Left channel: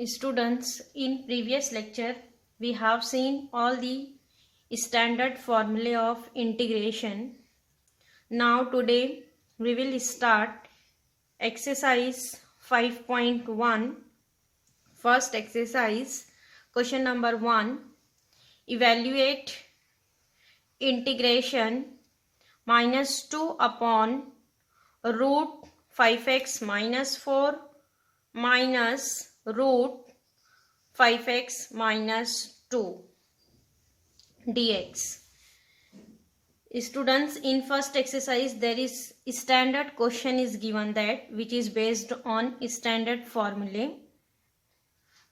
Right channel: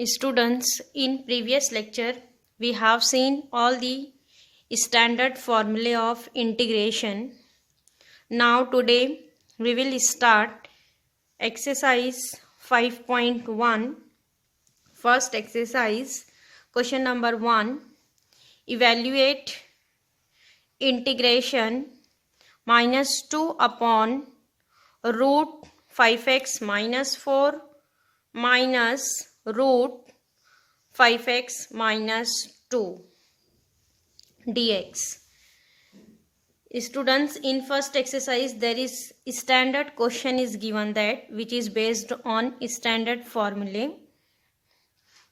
Students, in previous lecture we have seen all the standard formulae of integration. Now today we will start exercise 5.1. First exercise, question number 1. Evaluate integration minus 2 upon root 5x minus 4 minus root 5x minus 2 dx. Students, in first exercise there is standard question is given that which is based on standard formulae.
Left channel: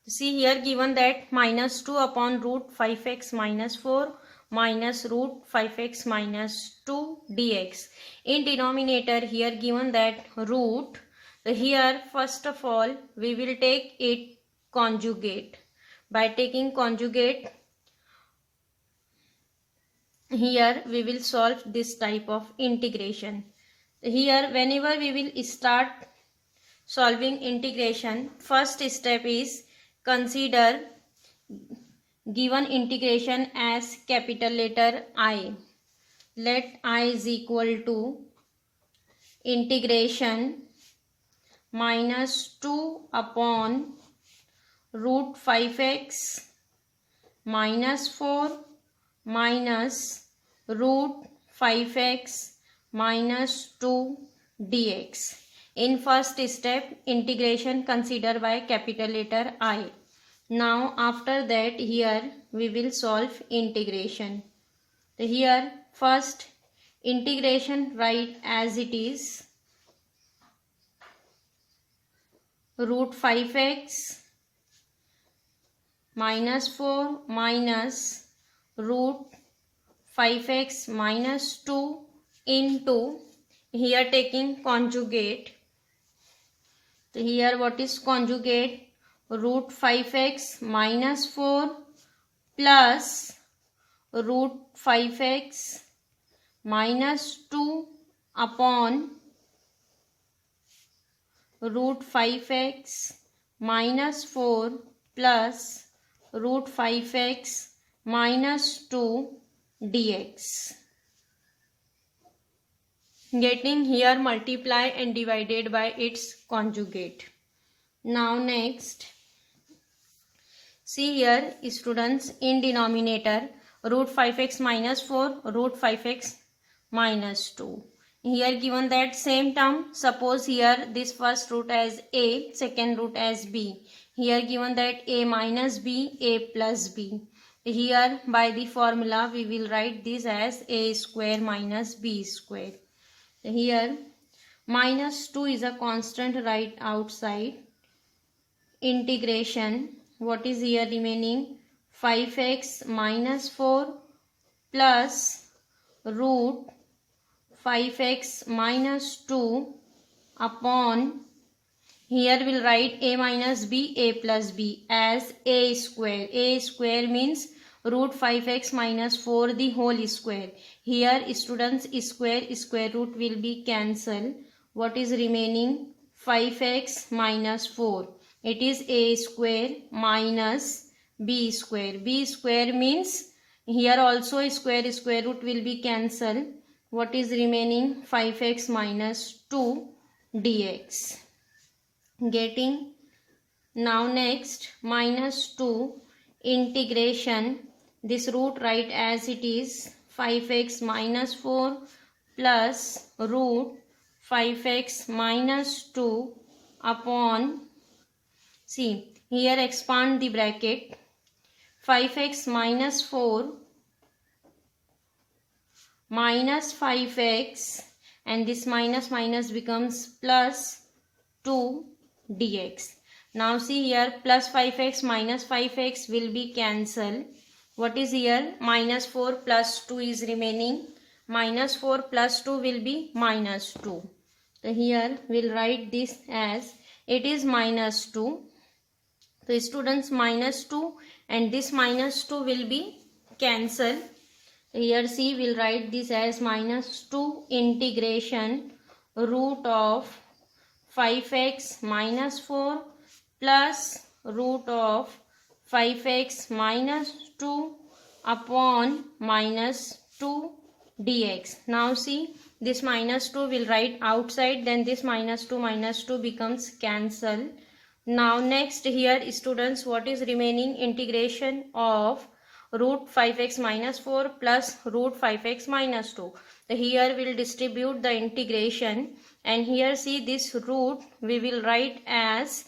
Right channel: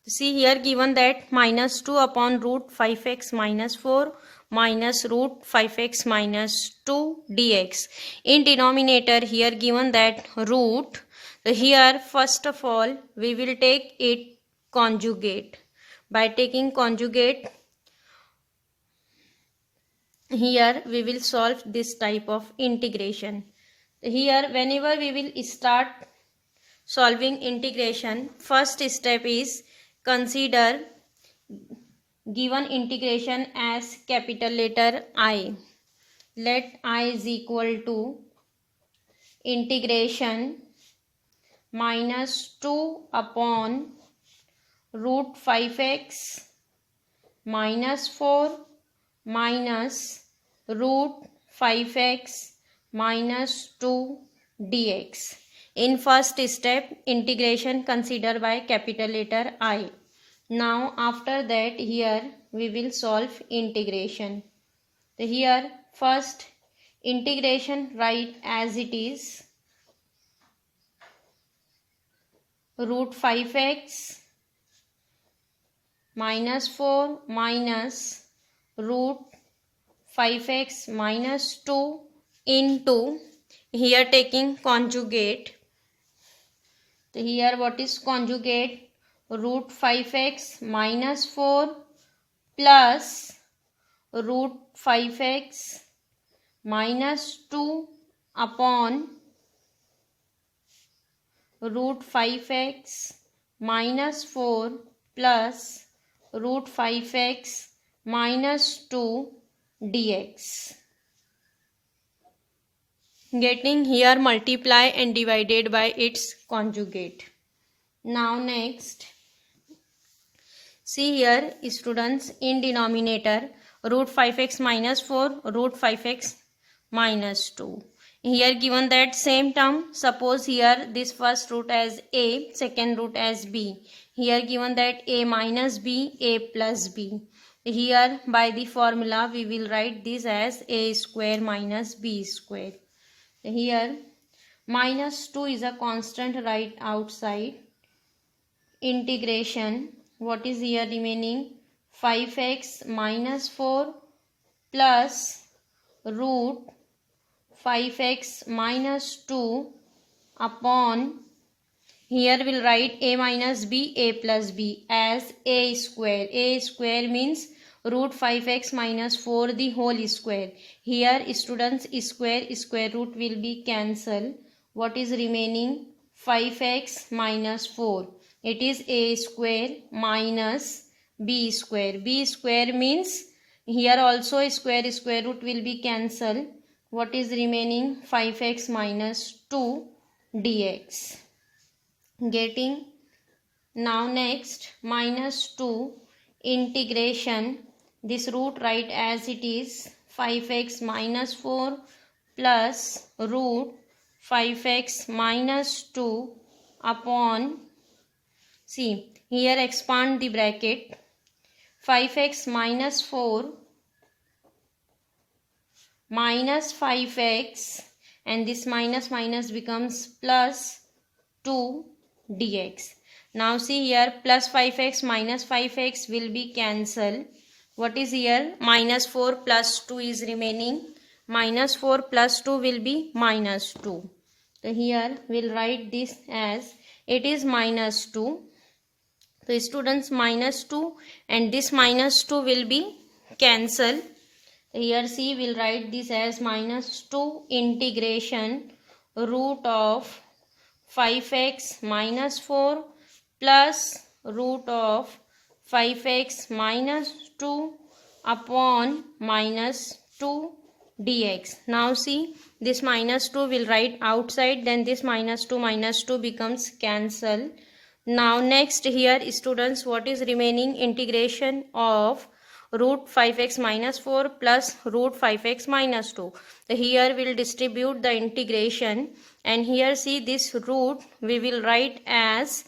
See here given that minus 2 upon root 5x minus 4 minus root 5x minus 2 dx. In denominator here given that root. Here first of all we will take it conjugate. By taking conjugate, here we will solve this type of integration. Here whenever we will start solving integration, first step is consider given integration as capital letter I. Let I is equal to integration minus 2 upon root 5x minus 4 minus root 5x minus 2 dx. In first step, integration considered by capital letter I. Now after that here we will solve integration. Here first integration write as it is root 5x minus 4 minus root 5x minus 2 into, here taking conjugate. Here what is conjugate? Root 5x minus 4 plus root 5x minus 2 upon root 5x minus 4 plus root 5x minus 2 dx. Getting here multiply and divided by its conjugate. Now next, see here students, in denominator root 5x minus 4 root 5x minus 2. Here given that same term, suppose here this first root as a, second root as b. Here given that a minus b, a plus b. Here by the formula we will write this as a square minus b square. Here minus 2 is a constant right outside. Integration, what is here remaining? 5x minus 4 plus root 5x minus 2 upon, here we'll write a minus b, a plus b as a square. A square means root 5x minus 4 the whole square. Here students, square root will be cancelled. What is remaining? 5x minus 4. It is a square minus b square. B square means here also square root will be cancelled. What is remaining? 5x minus 2 dx. Getting now next minus 2 integration, this root write as it is 5x minus 4 plus root 5x minus 2 upon, see here expand the bracket, 5x minus 4 minus 5x, and this minus becomes plus 2 dx. Now see here plus 5x minus 5x will be cancelled. What is here? Minus 4 plus 2 is remaining. Minus 4 plus 2 will be minus 2. So here we'll write this as it is minus 2. So students, minus 2 and this minus 2 will be cancelled. Here see, we'll write this as minus 2 integration root of 5x minus 4 plus root of 5x minus 2 upon minus 2 dx. Now see, this minus 2 will write outside, then this minus 2 becomes cancel. Now next here students, what is remaining? Integration of root 5x minus 4 plus root 5x minus 2. So here we will distribute the integration, and here see this root we will write as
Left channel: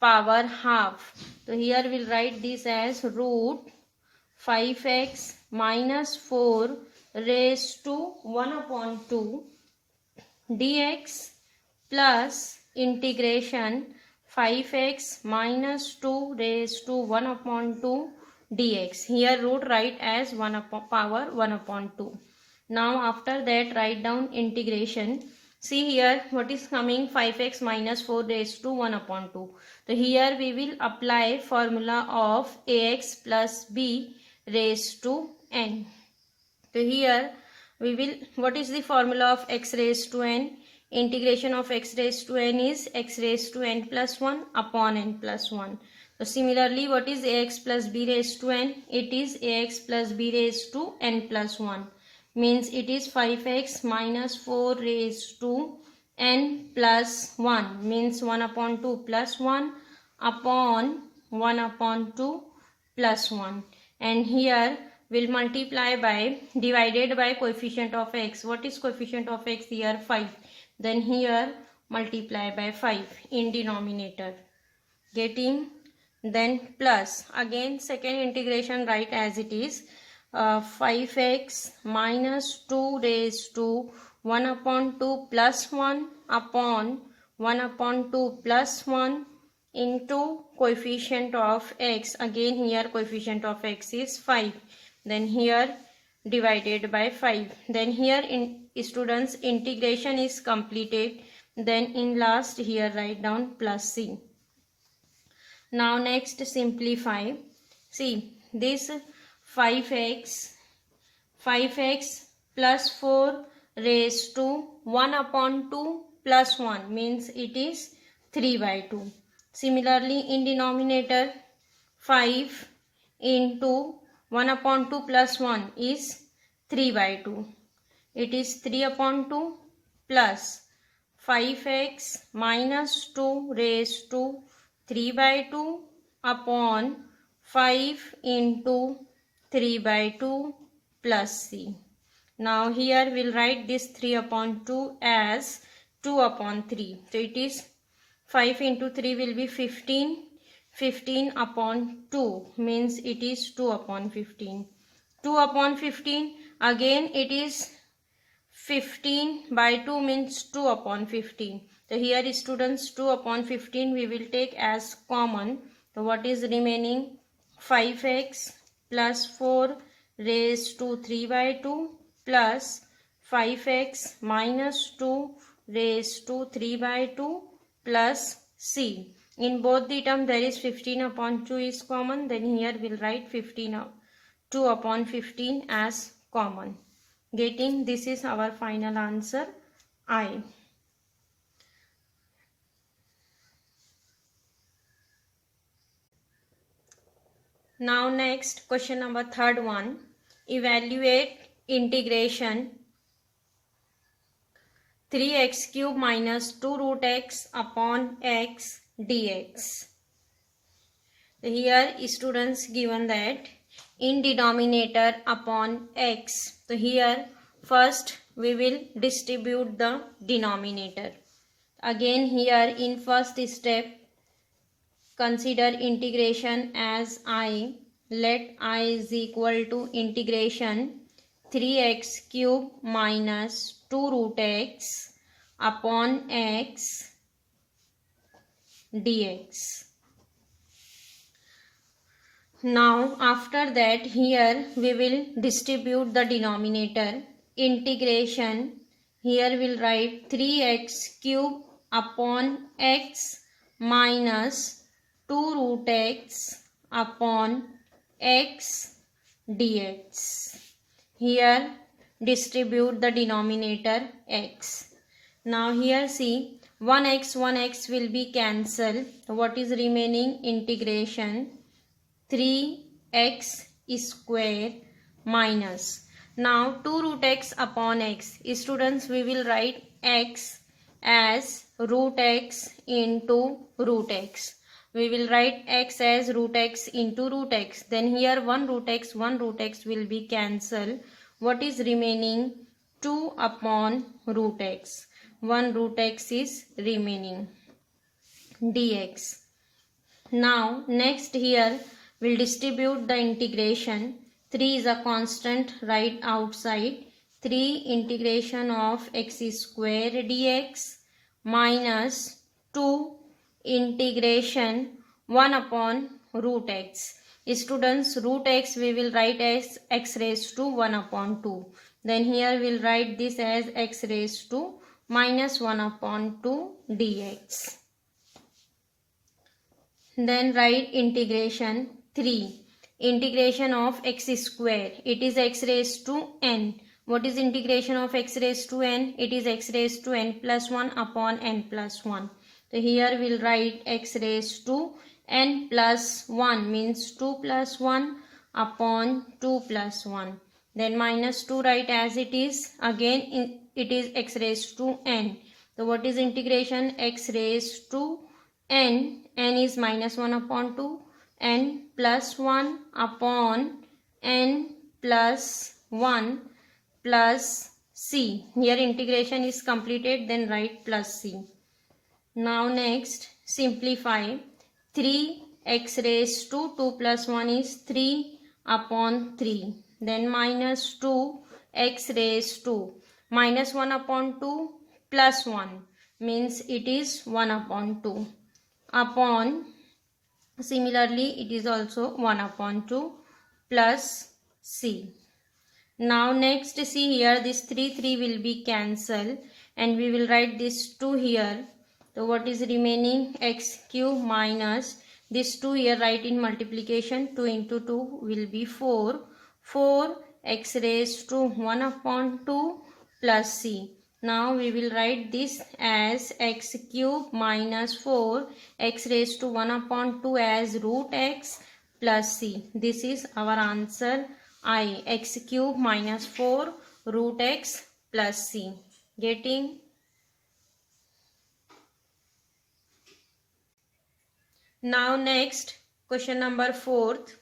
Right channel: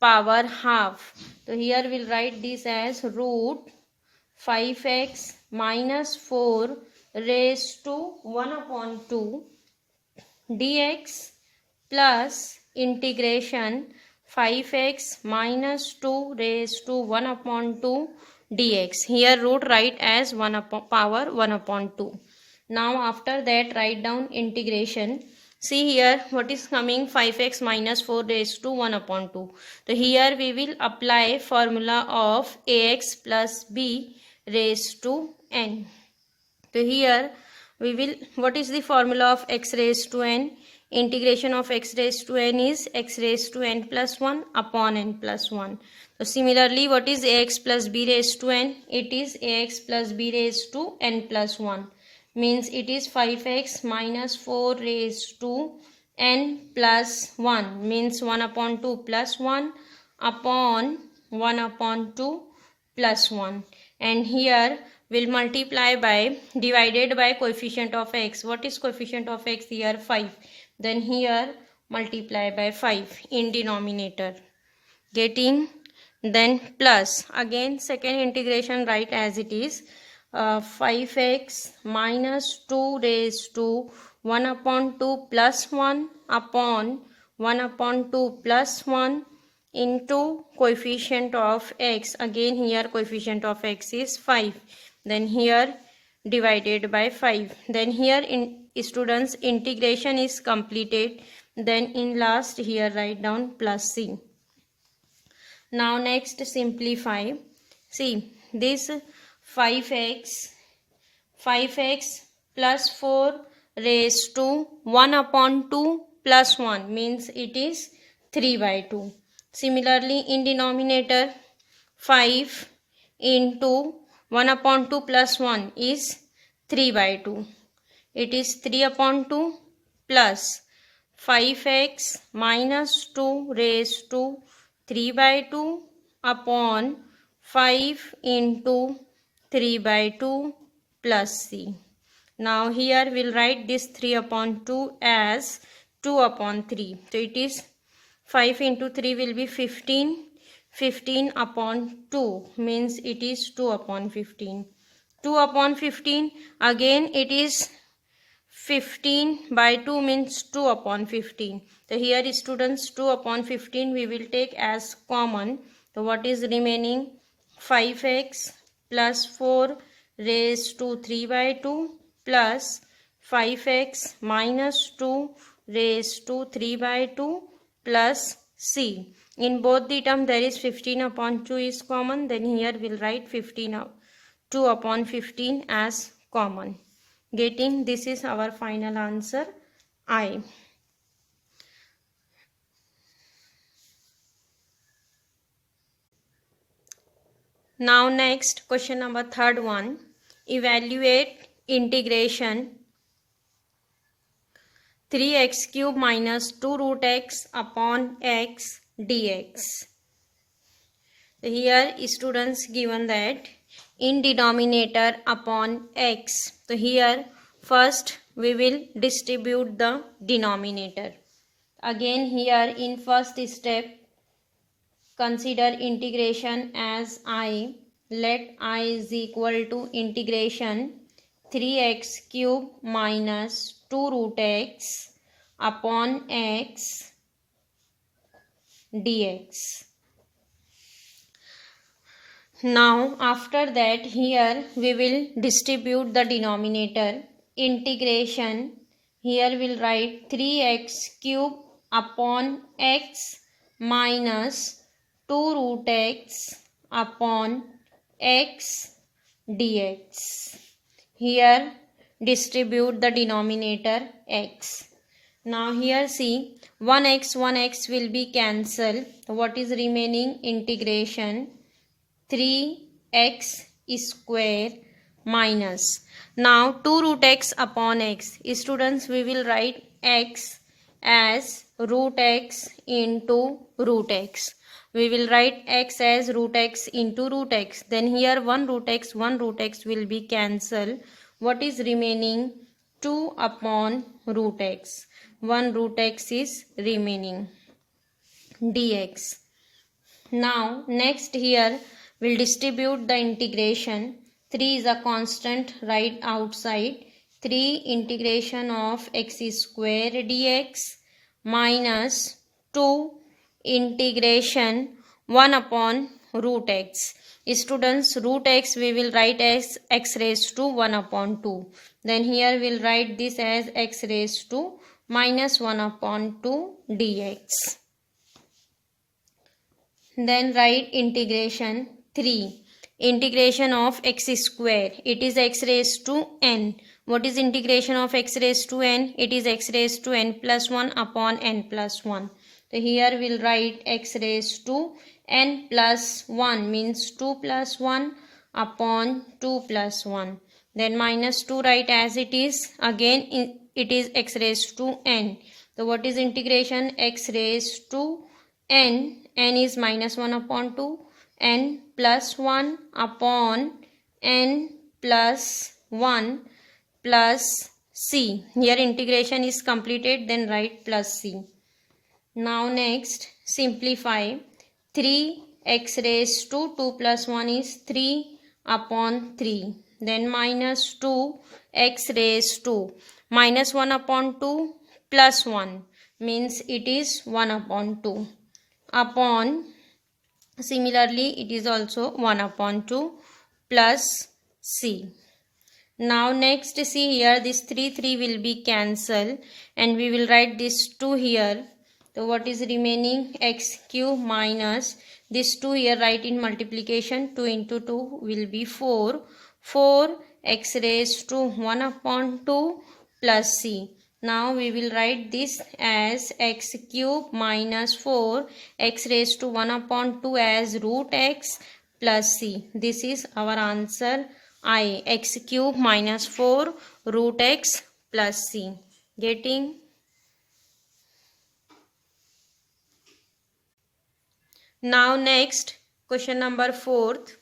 power half. So here we will write this as root 5x minus 4 raised to 1 upon 2 dx plus integration 5x minus 2 raised to 1 upon 2 dx. Here root write as 1 upon power 1 upon 2. Now after that write down integration. See here what is coming, 5x minus 4 raised to 1 upon 2. So here we will apply formula of ax plus b raised to n. So here we will, what is the formula of x raised to n? Integration of x raised to n is x raised to n plus 1 upon n plus 1. So similarly, what is ax plus b raised to n? It is ax plus b raised to n plus 1. Means it is 5x minus 4 raised to n plus 1. Means 1 upon 2 plus 1 upon 1 upon 2 plus 1. And here will multiply by, divided by coefficient of x. What is coefficient of x here? 5. Then here multiply by 5 in denominator. Getting, then plus. Again second integration write as it is. 5x minus 2 raised to 1 upon 2 plus 1 upon 1 upon 2 plus 1 into coefficient of x. Again here coefficient of x is 5. Then here divided by 5. Then here in students integration is completed. Then in last here write down plus c. Now next simplify. See this 5x plus 4 raised to 1 upon 2 plus 1 means it is 3 by 2. Similarly in denominator 5 into 1 upon 2 plus 1 is 3 by 2. It is 3 upon 2 plus 5x minus 2 raised to 3 by 2 upon 5 into 3 by 2 plus c. Now here we'll write this 3 upon 2 as 2 upon 3. So it is 5 into 3 will be 15. 15 upon 2 means it is 2 upon 15. 2 upon 15 again it is 15 by 2 means 2 upon 15. So here students 2 upon 15 we will take as common. So what is remaining? 5x plus 4 raised to 3 by 2 plus 5x minus 2 raised to 3 by 2 plus c. In both the term there is 15 upon 2 is common. Then here we'll write 2 upon 15 as common. Getting, this is our final answer I. Now next question number third one. Evaluate integration 3x cube minus 2 root x upon x dx. Here students given that in denominator upon x. So here first we will distribute the denominator. Again here in first step consider integration as I. Let I is equal to integration 3x cube minus 2 root x upon x dx. Now after that here we will distribute the denominator. Integration, here we will write 3x cube upon x minus 2 root x upon x dx. Here distribute the denominator x. Now here see 1x will be cancelled. What is remaining? Integration 3x square minus. Now 2 root x upon x. Students, we will write x as root x into root x. We will write x as root x into root x. Then here 1 root x will be cancelled. What is remaining? 2 upon root x. 1 root x is remaining. Dx. Now next here we'll distribute the integration. 3 is a constant right outside. 3 integration of x square dx minus 2 integration 1 upon root x. Students, root x we will write as x raised to 1 upon 2. Then here we'll write this as x raised to minus 1 upon 2 dx. Then write integration 3. Integration of x square. It is x raised to n. What is integration of x raised to n? It is x raised to n plus 1 upon n plus 1. So here we'll write x raised to n plus 1 means 2 plus 1 upon 2 plus 1. Then minus 2 write as it is. Again it is x raised to n. So what is integration? X raised to n. N is minus 1 upon 2. N plus 1 upon n plus 1 plus c. Here integration is completed, then write plus c. Now next simplify. 3x raised to 2 plus 1 is 3 upon 3. Then minus 2x raised to minus 1 upon 2 plus 1 means it is 1 upon 2 upon, similarly it is also 1 upon 2 plus c. Now next see here this 3 will be cancelled and we will write this 2 here. So what is remaining? X cube minus this 2 here, write in multiplication. 2 into 2 will be 4. 4 x raised to 1 upon 2 plus c. Now we will write this as x cube minus 4 x raised to 1 upon 2 as root x plus c. This is our answer I. X cube minus 4 root x plus c. Getting? Now next question number 4th.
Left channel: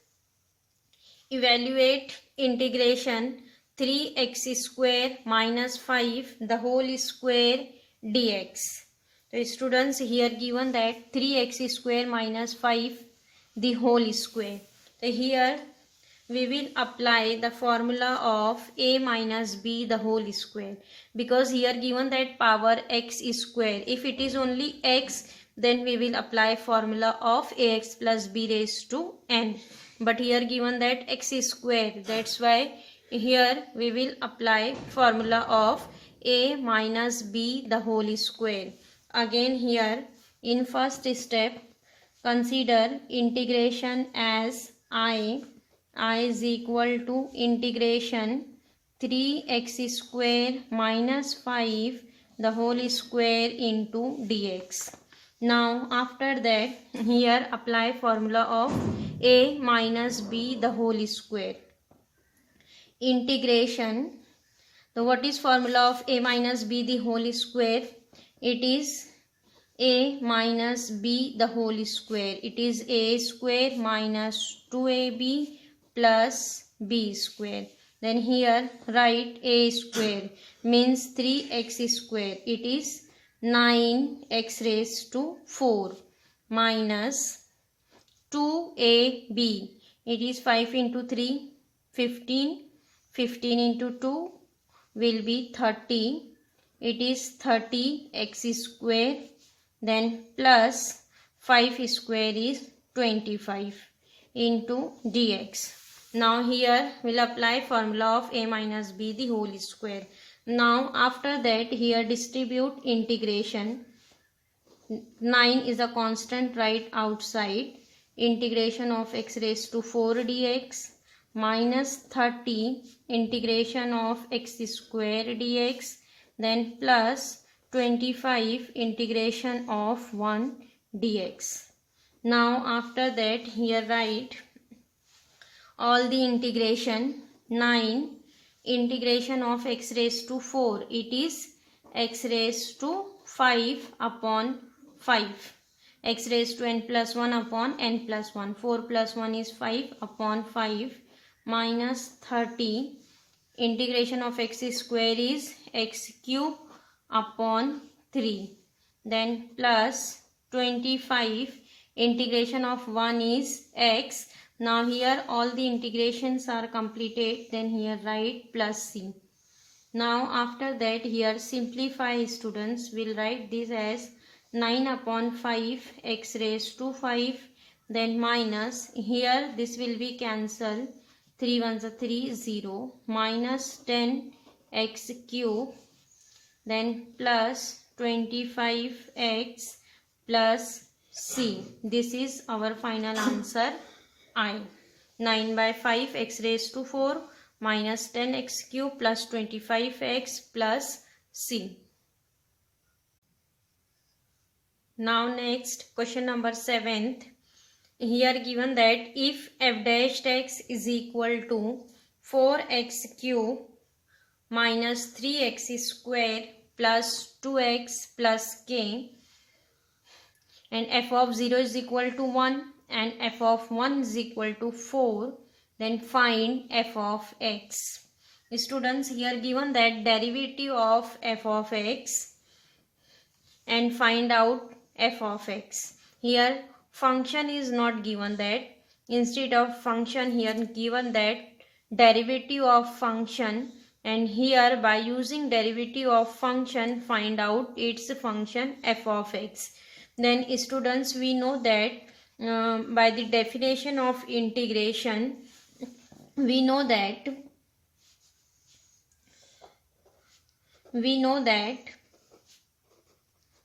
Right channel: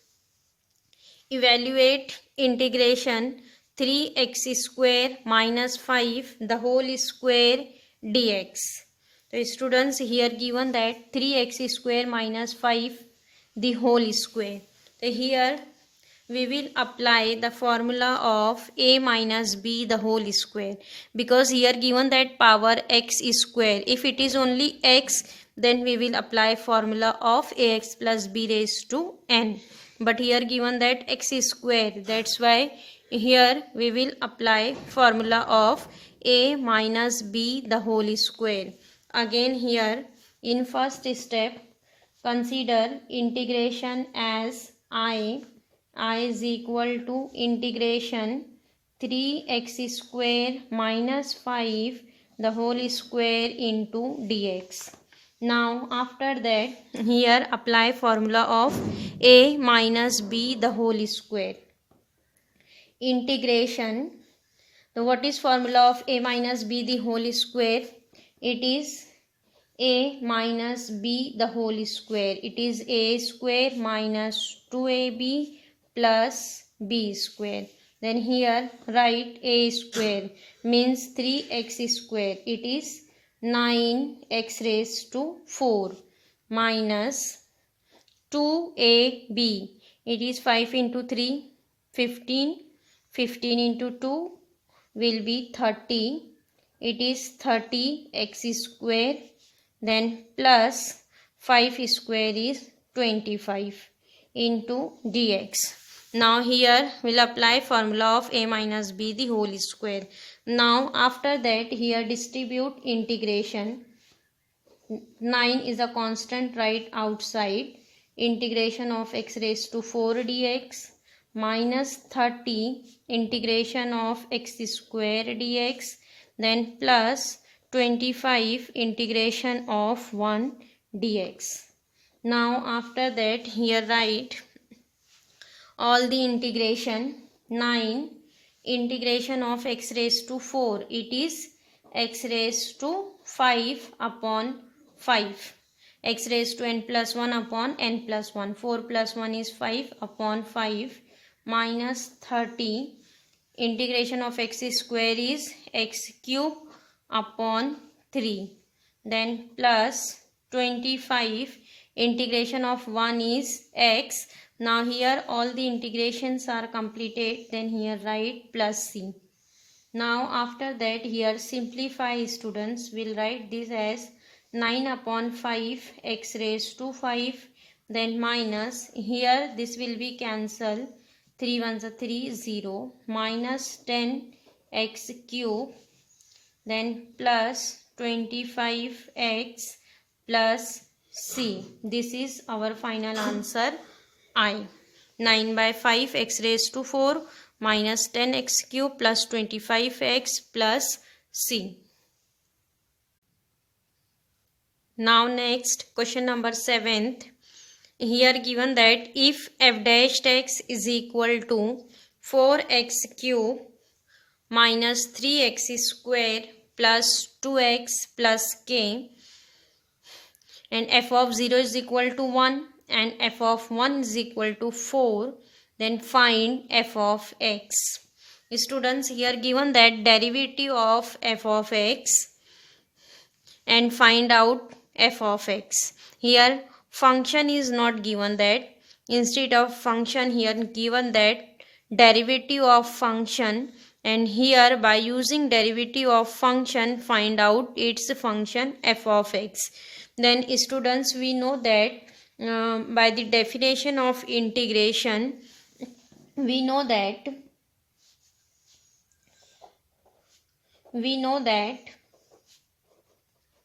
Evaluate integration 3x square minus 5 the whole square dx. So students, here given that 3x square minus 5 the whole square. So here we will apply the formula of a minus b the whole square, because here given that power x square. If it is only x, then we will apply formula of ax plus b raised to n. But here given that x square, that's why here we will apply formula of a minus b the whole square. Again here in first step consider integration as I is equal to integration 3x square minus 5 the whole square into dx. Now after that here apply formula of a minus b the whole square. Integration. So what is formula of a minus b the whole square? It is a minus b the whole square. It is a square minus 2ab plus b square. Then here write a square means 3x square. It is 9x raised to 4 minus 2ab. It is 5 into 3, 15. 15 into 2 will be 30. It is 30x square. Then plus 5 square is 25 into dx. Now here we'll apply formula of a minus b the whole square. Now after that here distribute integration. 9 is a constant right outside. Integration of x raised to 4 dx minus 30 integration of x square dx, then plus 25 integration of 1 dx. Now after that here write all the integration. 9 integration of x raised to 4, it is x raised to 5 upon 5, x raised to n plus 1 upon n plus 1, 4 plus 1 is 5 upon 5 minus 30 integration of x square is x cube upon 3, then plus 25 integration of 1 is x. Now here all the integrations are completed, then here write plus c. Now after that here simplify, students will write this as 9 upon 5 x raised to 5, then minus, here this will be cancelled, 3 ones are 3, 0, minus 10 x cube, then plus 25x plus c. This is our final answer I. 9 by 5 x raised to 4 minus 10 x cube plus 25x plus c. Now next question number 7th. Here given that if f dash x is equal to 4x cube minus 3x square plus 2x plus k and f of 0 is equal to 1 and f of 1 is equal to 4, then find f of x. Students, here given that derivative of f of x and find out f of x. Here function is not given, that instead of function here given that derivative of function, and here by using derivative of function find out its function f of x. Then students, we know that by the definition of integration, we know that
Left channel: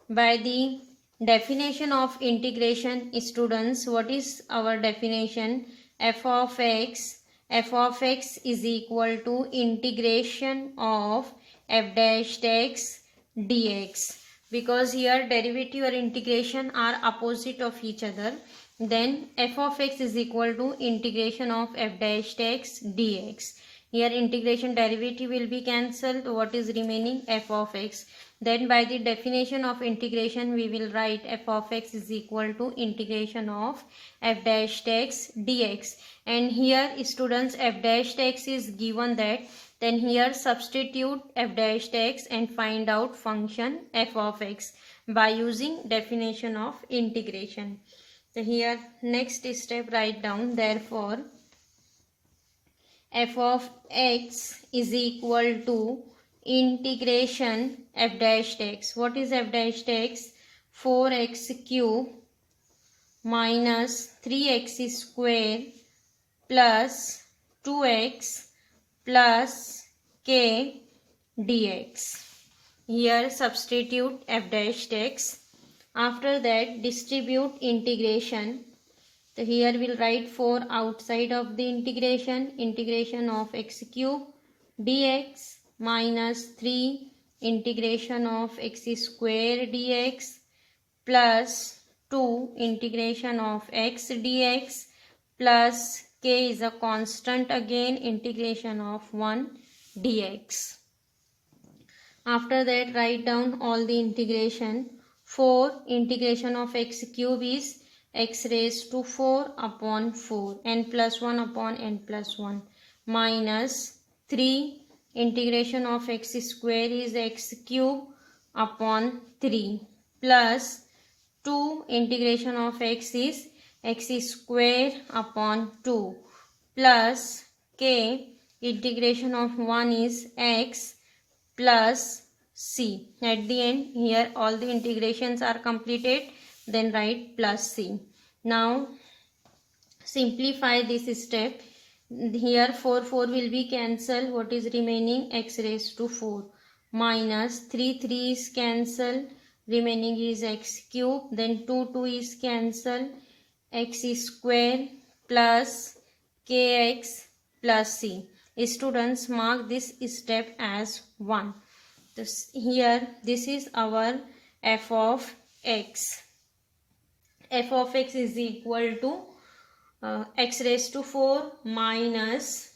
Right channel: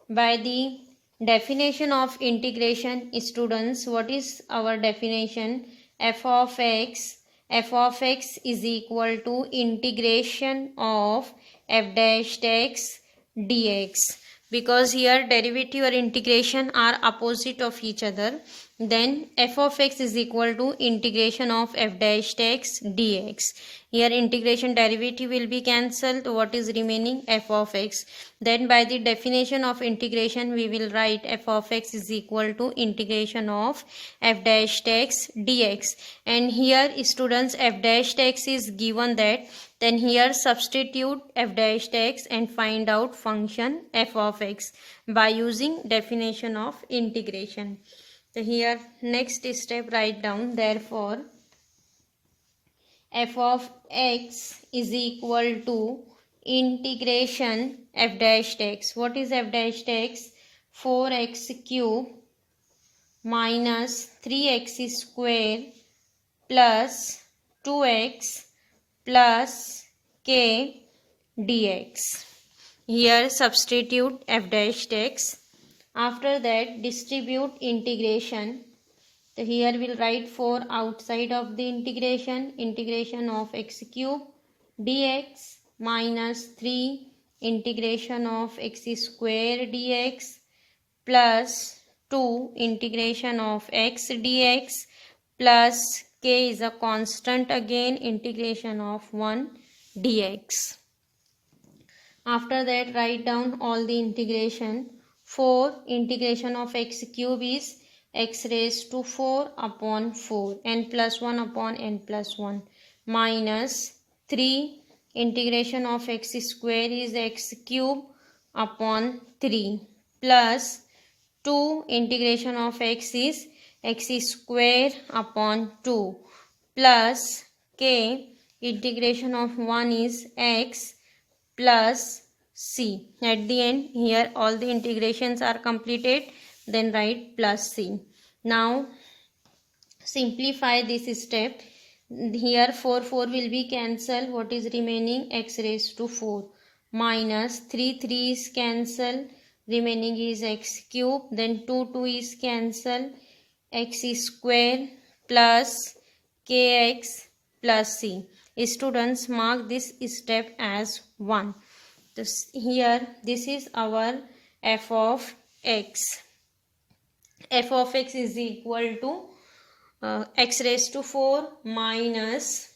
by the definition of integration, students, what is our definition? F of x is equal to integration of f dash x dx. Because here derivative or integration are opposite of each other, then f of x is equal to integration of f dash x dx. Here integration derivative will be cancelled. What is remaining? F of x. Then by the definition of integration we will write f of x is equal to integration of f dash x dx. And here students, f dash x is given, that then here substitute f dash x and find out function f of x by using definition of integration. So here next step write down, therefore f of x is equal to integration f dash x. What is f dash x? 4x cube minus 3x square plus 2x plus k dx. Here substitute f dash x. After that distribute integration. So here we'll write 4 outside of the integration of x cube dx minus 3 integration of x square dx plus 2 integration of x dx plus k is a constant, again integration of 1 dx. After that write down all the integration. 4 integration of x cube is x raised to 4 upon 4, n plus 1 upon n plus 1, minus 3 integration of x square is x cube upon 3, plus 2 integration of x is x square upon 2, plus k integration of 1 is x plus c. At the end here all the integrations are completed, then write plus c. Now simplify this step. Here 4 will be cancelled. What is remaining? X raised to 4 minus 3 is cancelled, remaining is x cube, then 2 is cancelled, x square plus kx plus c. Students, mark this step as 1. Here this is our f of x. F of x is equal to x raised to 4 minus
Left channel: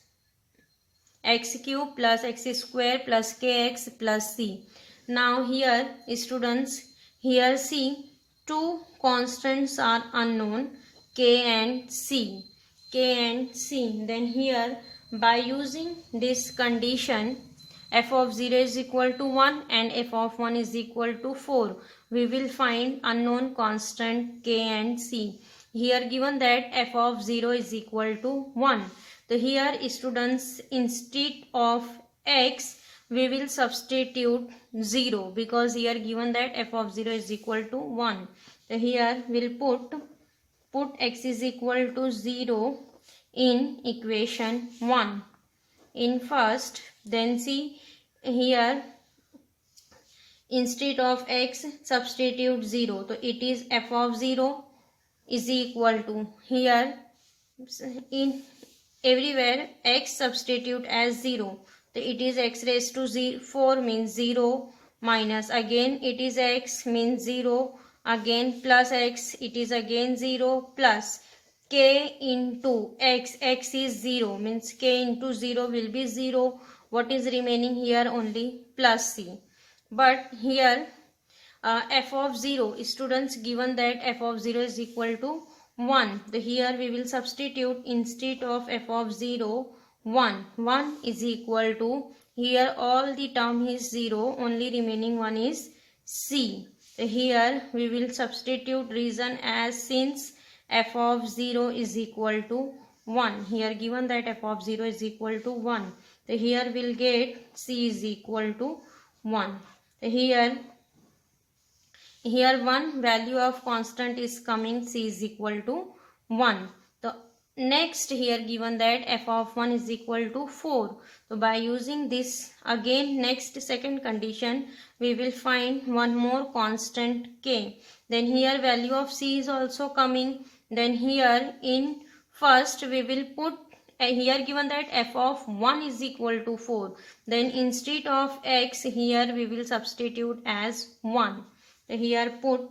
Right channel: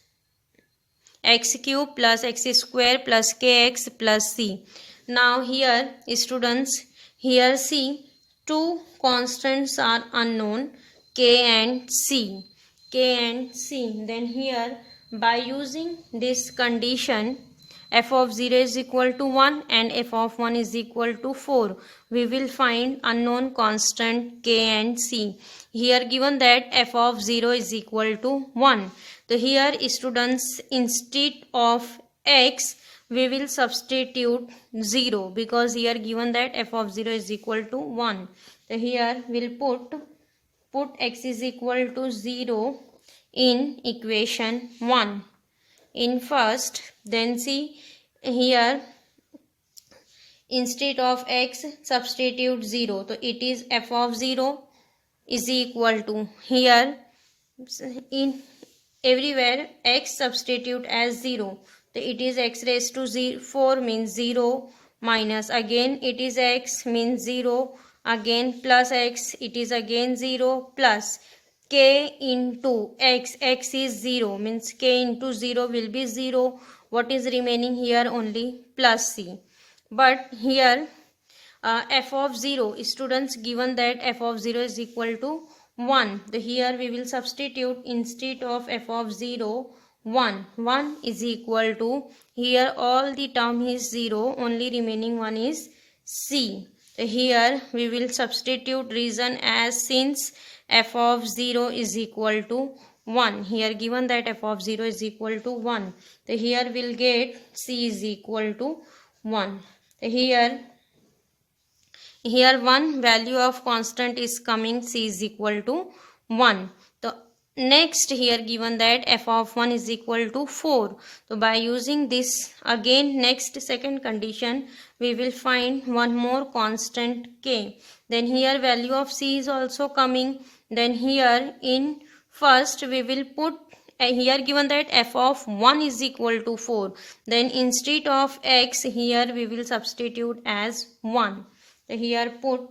x cube plus x square plus kx plus c. Now here students, here see two constants are unknown, k and c. Then here by using this condition, f of 0 is equal to 1 and f of 1 is equal to 4, we will find unknown constant k and c. Here given that f of 0 is equal to 1. So here students, instead of x we will substitute 0 because here given that f of 0 is equal to 1. So here we'll put x is equal to 0 in equation 1 in first. Then see here, instead of x substitute 0, so it is f of 0 is equal to, here in everywhere x substitute as 0, so it is x raised to 4 means 0 minus again it is x means 0 again plus x it is again 0 plus k into x, x is 0 means k into 0 will be 0. What is remaining here? Only plus c. But here f of 0, students, given that f of 0 is equal to 1, the here we will substitute instead of f of 0 1. 1 is equal to, here all the term is 0, only remaining one is c. Here we will substitute reason as since f of 0 is equal to 1. Here given that f of 0 is equal to 1. So here we'll get c is equal to 1. Here one value of constant is coming, c is equal to 1. So next here given that f of 1 is equal to 4. So by using this again next second condition we will find one more constant k. Then here value of c is also coming. Then here in first we will put here given that f of 1 is equal to 4. Then instead of x here we will substitute as 1. So here put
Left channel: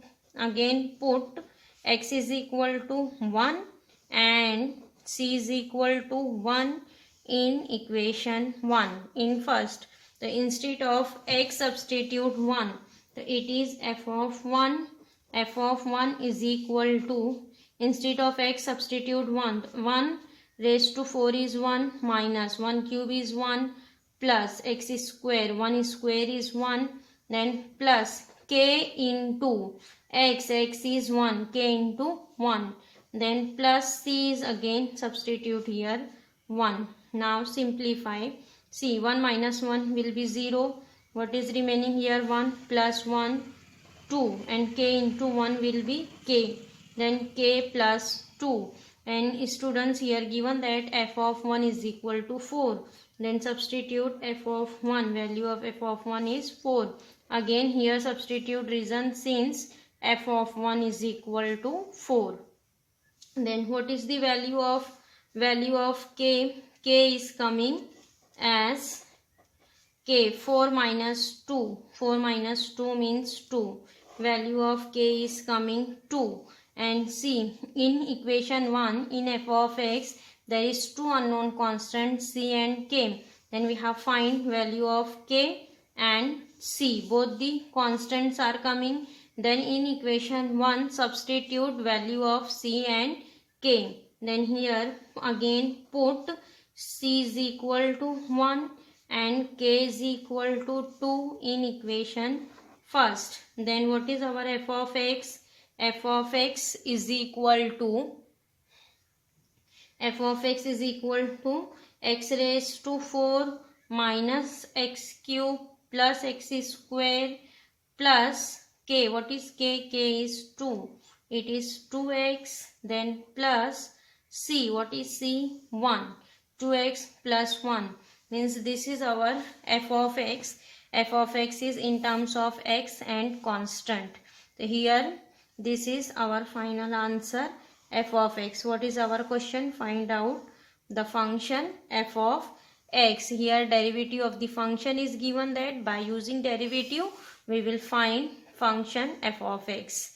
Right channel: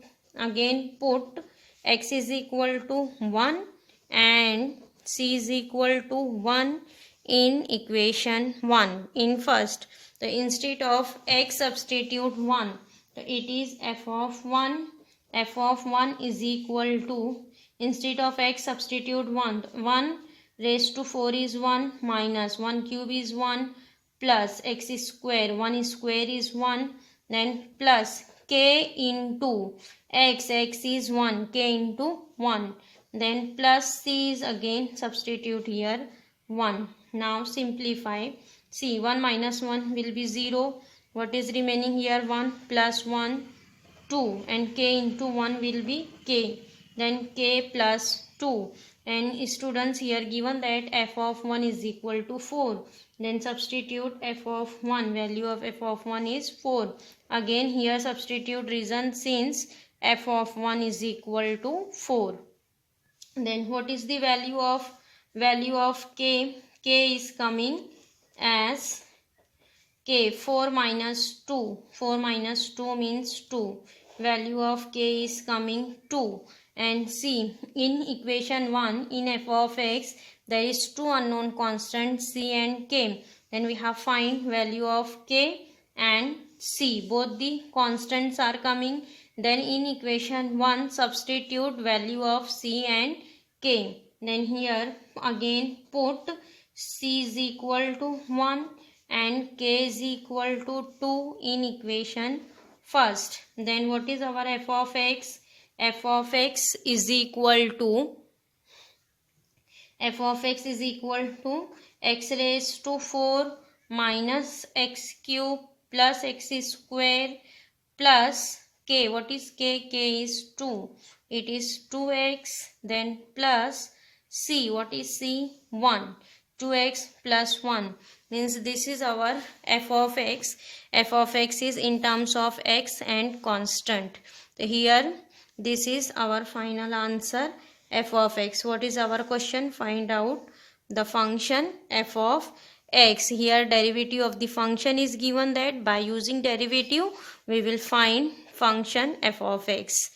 x is equal to 1 and c is equal to 1 in equation 1 in first. So instead of x substitute 1. So it is f of 1. F of 1 is equal to, instead of x substitute 1. 1 raised to 4 is 1 minus 1 cube is 1 plus x square, 1 square is 1, then plus k into x, x is 1, k into 1, then plus c is again substitute here 1. Now simplify. See 1 minus 1 will be 0. What is remaining here? 1 plus 1 2 and k into 1 will be k. Then k plus 2. And students, here given that f of 1 is equal to 4. Then substitute f of 1. Value of f of 1 is 4. Again here substitute reason since f of 1 is equal to 4. Then what is the value of k? K is coming as k 4 minus 2. 4 minus 2 means 2. Value of k is coming 2. And see in equation 1 in f of x there is two unknown constants c and k. Then we have find value of k and c. Both the constants are coming. Then in equation 1 substitute value of c and k. Then here again put c is equal to 1 and k is equal to 2 in equation first. Then what is our f of x? F of x is equal to x raised to 4 minus x cube plus x square plus k. What is k? K is 2. It is 2x. Then plus c. What is c? 1. 2x plus 1 means this is our f of x. F of x is in terms of x and constant. So here this is our final answer, f of x. What is our question? Find out the function f of x. Here derivative of the function is given, that by using derivative we will find function f of x.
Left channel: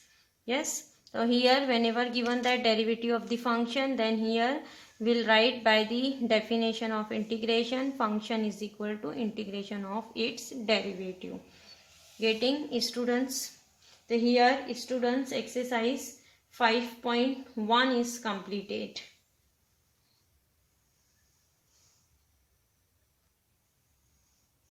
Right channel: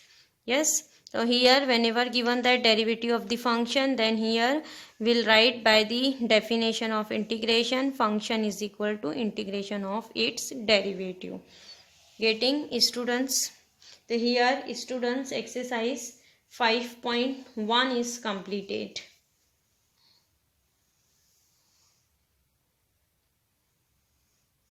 Yes. So here whenever given that derivative of the function, then here we'll write by the definition of integration, function is equal to integration of its derivative. Getting students? So here students exercise 5.1 is completed.